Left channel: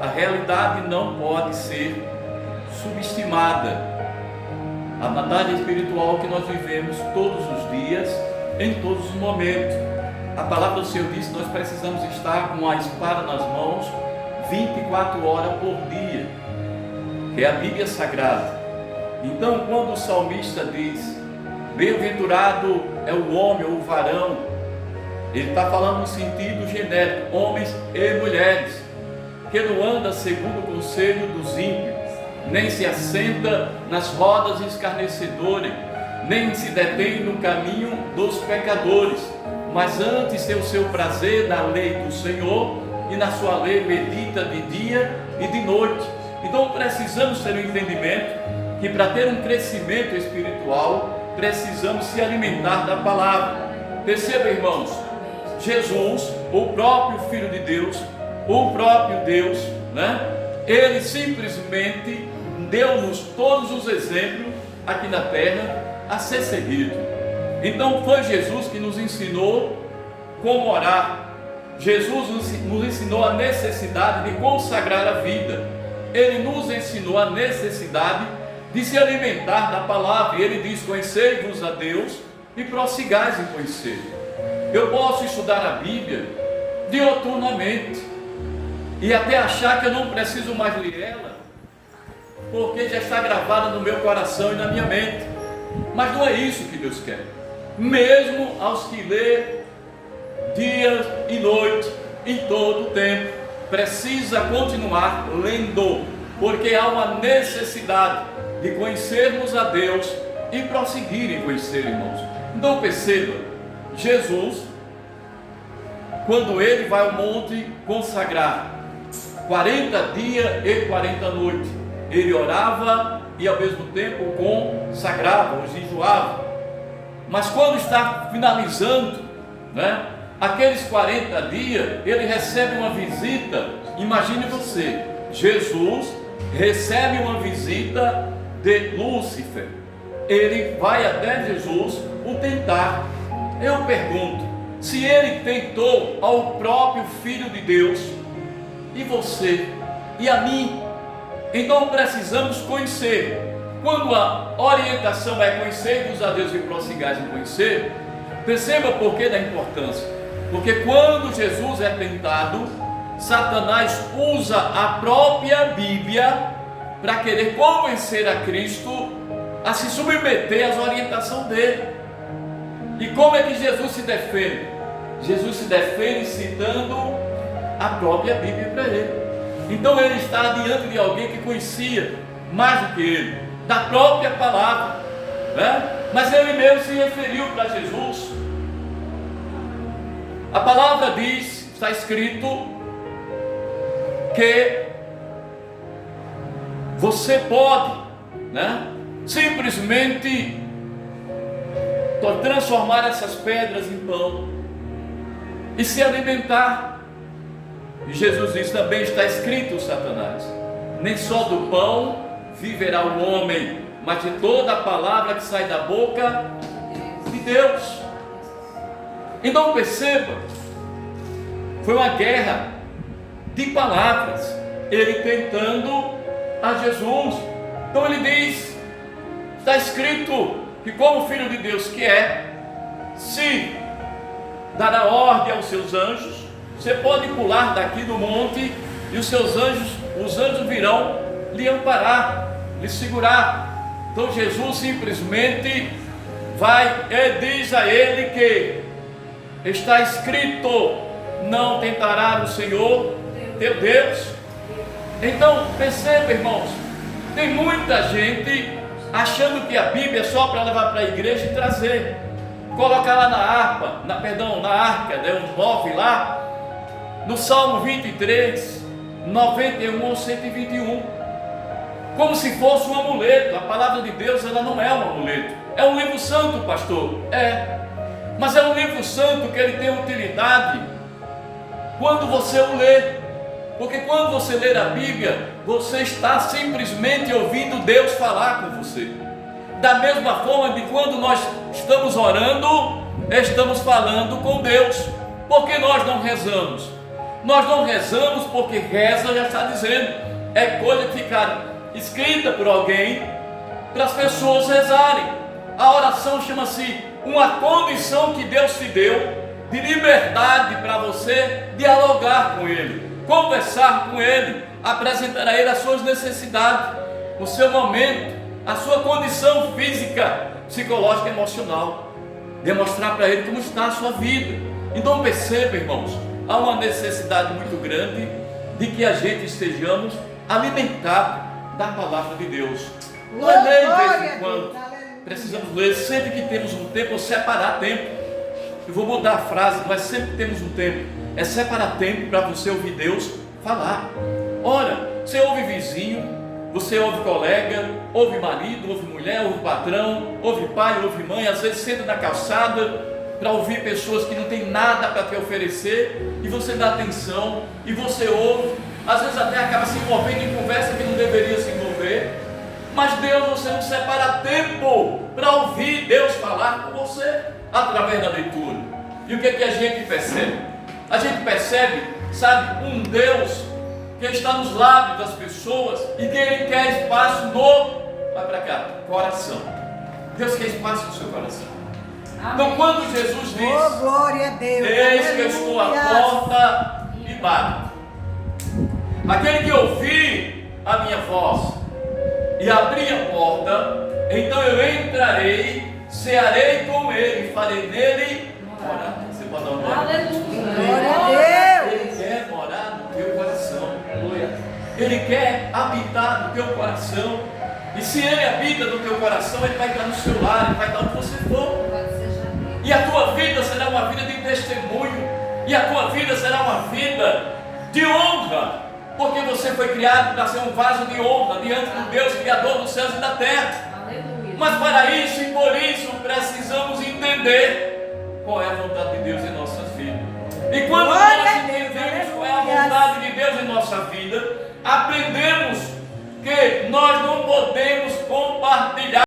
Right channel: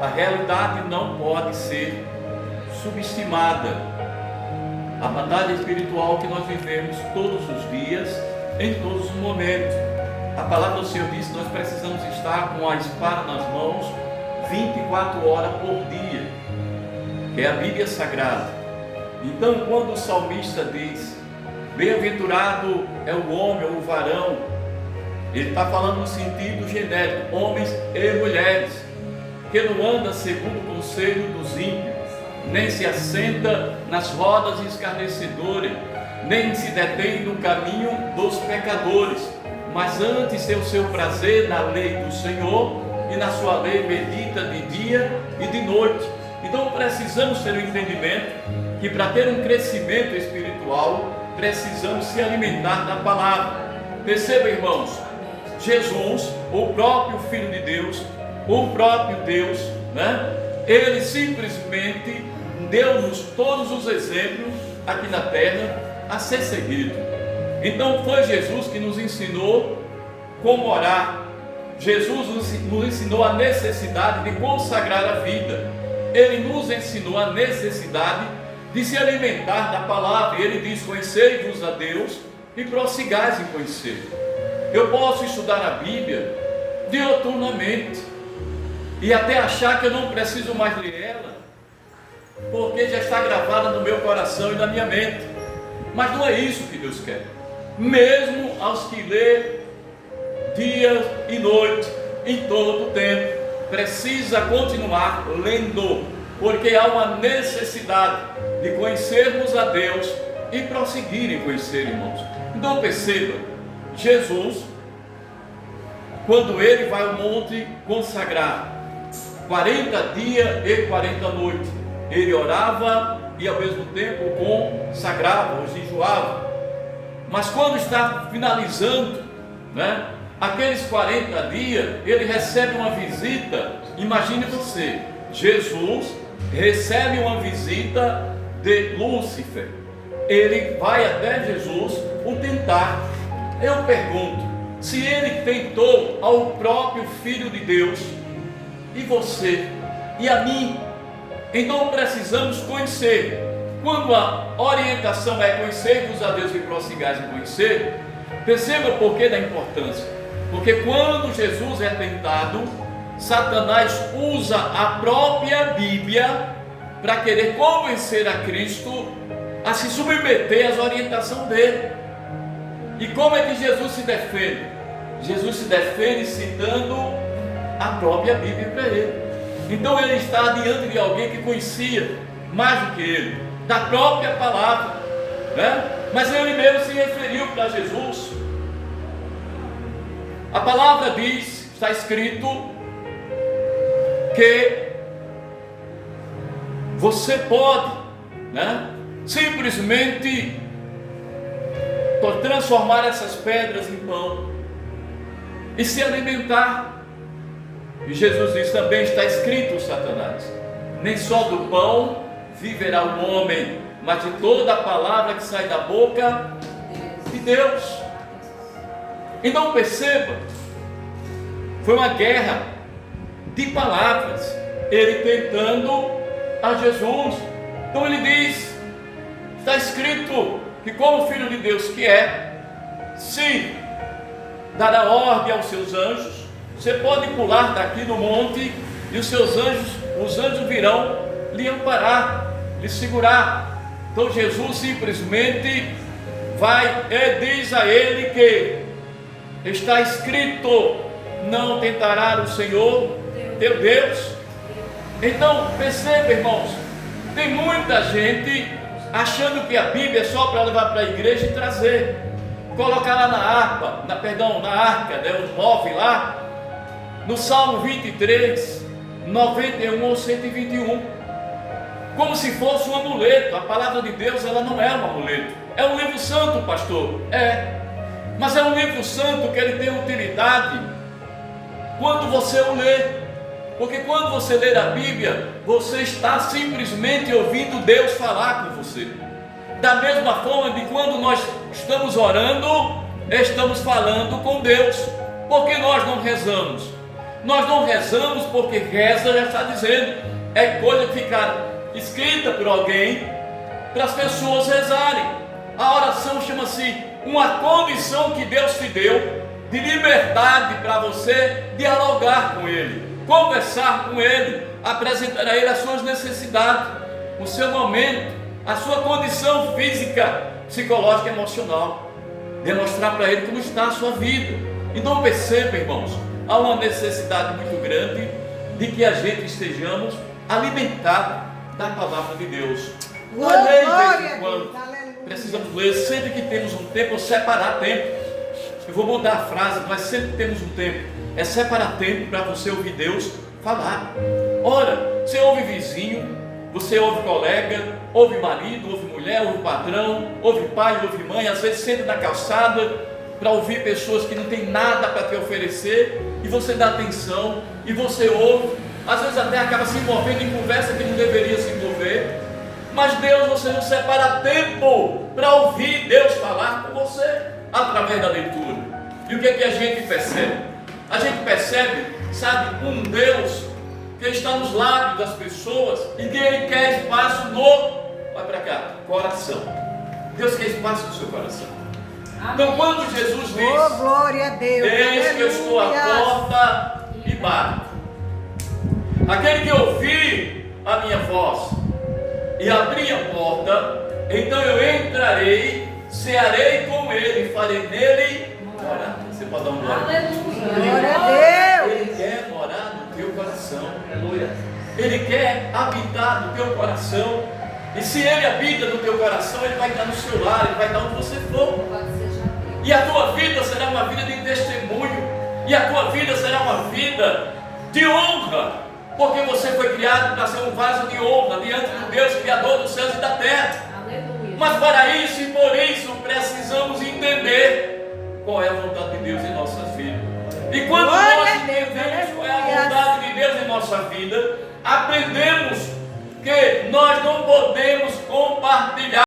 A realidade não pode ser subestimada. A batalha espiritual que nós vivemos todos os dias, em todos os momentos. A palavra do Senhor diz que nós precisamos estar com a espada nas mãos 24 horas por dia, que é a Bíblia Sagrada. Então, quando o salmista diz: bem-aventurado é o homem ou o varão, ele está falando no sentido genérico, homens e mulheres, que não anda segundo o conselho dos ímpios, nem se assenta nas rodas escarnecedores, nem se detém no caminho dos pecadores, mas antes tem o seu prazer na lei do Senhor, e na sua lei medita de dia e de noite. Então precisamos ter um entendimento que para ter um crescimento espiritual, precisamos se alimentar da palavra. Perceba, irmãos, Jesus, o próprio Filho de Deus, o próprio Deus, ele simplesmente deu-nos todos os exemplos aqui na terra a ser seguido. Então foi Jesus que nos ensinou como orar. Jesus nos ensinou a necessidade de consagrar a vida. Ele nos ensinou a necessidade de se alimentar da palavra. Ele diz: conhecei-vos a Deus e prossigais em conhecer. Eu posso estudar a Bíblia dioturnamente e até achar que eu não preciso mais ler ela, porque já está gravada no meu coração e na minha mente. Mas não é isso que Deus quer. Mesmo aos que lê dia e noite, em todo o tempo, precisa continuar lendo, porque há uma necessidade de conhecermos a Deus e prosseguir em conhecer, irmãos. Então perceba, Jesus, quando ele vai ao monte consagrar, 40 dias e 40 noites, ele orava e ao mesmo tempo consagrava, ou jejuava. Mas quando está finalizando, aqueles 40 dias, ele recebe uma visita. Imagine você, Jesus recebe uma visita de Lúcifer. Ele vai até Jesus o tentar. Eu pergunto, se ele tentou ao próprio Filho de Deus, e você, e a mim, então precisamos conhecer. Quando a orientação é conhecer-vos a Deus e prossigais em conhecer, perceba o porquê da importância. Porque quando Jesus é tentado, Satanás usa a própria Bíblia para querer convencer a Cristo a se submeter às orientações dele. E como é que Jesus se defende? Jesus se defende citando a própria Bíblia para ele. Então ele está diante de alguém que conhecia mais do que ele, da própria palavra, mas ele mesmo se referiu para Jesus. A palavra diz, está escrito, que você pode, simplesmente transformar essas pedras em pão e se alimentar. E Jesus diz: também está escrito, Satanás, nem só do pão viverá o homem, mas de toda a palavra que sai da boca de Deus. Então perceba, foi uma guerra de palavras, ele tentando a Jesus. Então ele diz, está escrito que como Filho de Deus que é, se dará ordem aos seus anjos, você pode pular daqui do monte e os anjos virão lhe amparar, lhe segurar. Então Jesus simplesmente vai e diz a ele que está escrito: não tentará o Senhor teu Deus. Então perceba, irmãos, tem muita gente achando que a Bíblia é só para levar para a igreja e trazer, colocar lá na arca, os 9 lá, no Salmo 23, 91 ou 121, como se fosse um amuleto. A palavra de Deus, ela não é um amuleto, é um livro santo, pastor, mas é um livro santo que ele tem utilidade quando você o lê, porque quando você lê a Bíblia, você está simplesmente ouvindo Deus falar com você. Da mesma forma de quando nós estamos orando, estamos falando com Deus. Porque nós não rezamos? Nós não rezamos porque reza já está dizendo, é coisa de ficar escrita por alguém para as pessoas rezarem. A oração chama-se uma condição que Deus te deu de liberdade para você dialogar com Ele, conversar com Ele, apresentar a Ele as suas necessidades, o seu momento, a sua condição física, psicológica e emocional, demonstrar para Ele como está a sua vida. Então perceba, irmãos, há uma necessidade muito grande de que a gente estejamos alimentados da palavra de Deus. Nós lemos de vez em quando, precisamos ler, sempre que temos um tempo, ou separar tempo. Eu vou mudar a frase, mas sempre temos um tempo, é separar tempo para você ouvir Deus falar. Ora, você ouve vizinho, você ouve colega, ouve marido, ouve mulher, ouve patrão, ouve pai, ouve mãe, às vezes senta na calçada para ouvir pessoas que não têm nada para te oferecer, e você dá atenção, e você ouve, às vezes até acaba se envolvendo em conversa que não deveria se envolver, mas Deus, você não separa tempo para ouvir Deus falar com você, através da leitura. E o que é que a gente percebe? A gente percebe, sabe, um Deus que está nos lábios das pessoas e que Ele quer espaço no, vai para cá, coração. Deus quer espaço no seu coração. Então quando Jesus diz, oh, glória a Deus, eis que eu estou à porta e bato, aquele que ouvir a minha voz e abrir a porta, então eu entrarei, cearei com ele, farei nele morar. Você pode dar um glória? Aleluia. Glória a Deus. Ele quer morar no teu coração. Ele quer habitar no teu coração. E se Ele habita no teu coração, Ele vai estar no seu lar, Ele vai estar onde você for. E a tua vida será uma vida de testemunho. E a tua vida será uma vida de honra. Porque você foi criado para ser um vaso de honra diante do Deus Criador dos céus e da terra. Aleluia. Mas para isso e por isso precisamos entender qual é a vontade de Deus em nossas vidas. E quando nós entendemos qual é a vontade de Deus em nossa vida, aprendemos que nós não podemos compartilhar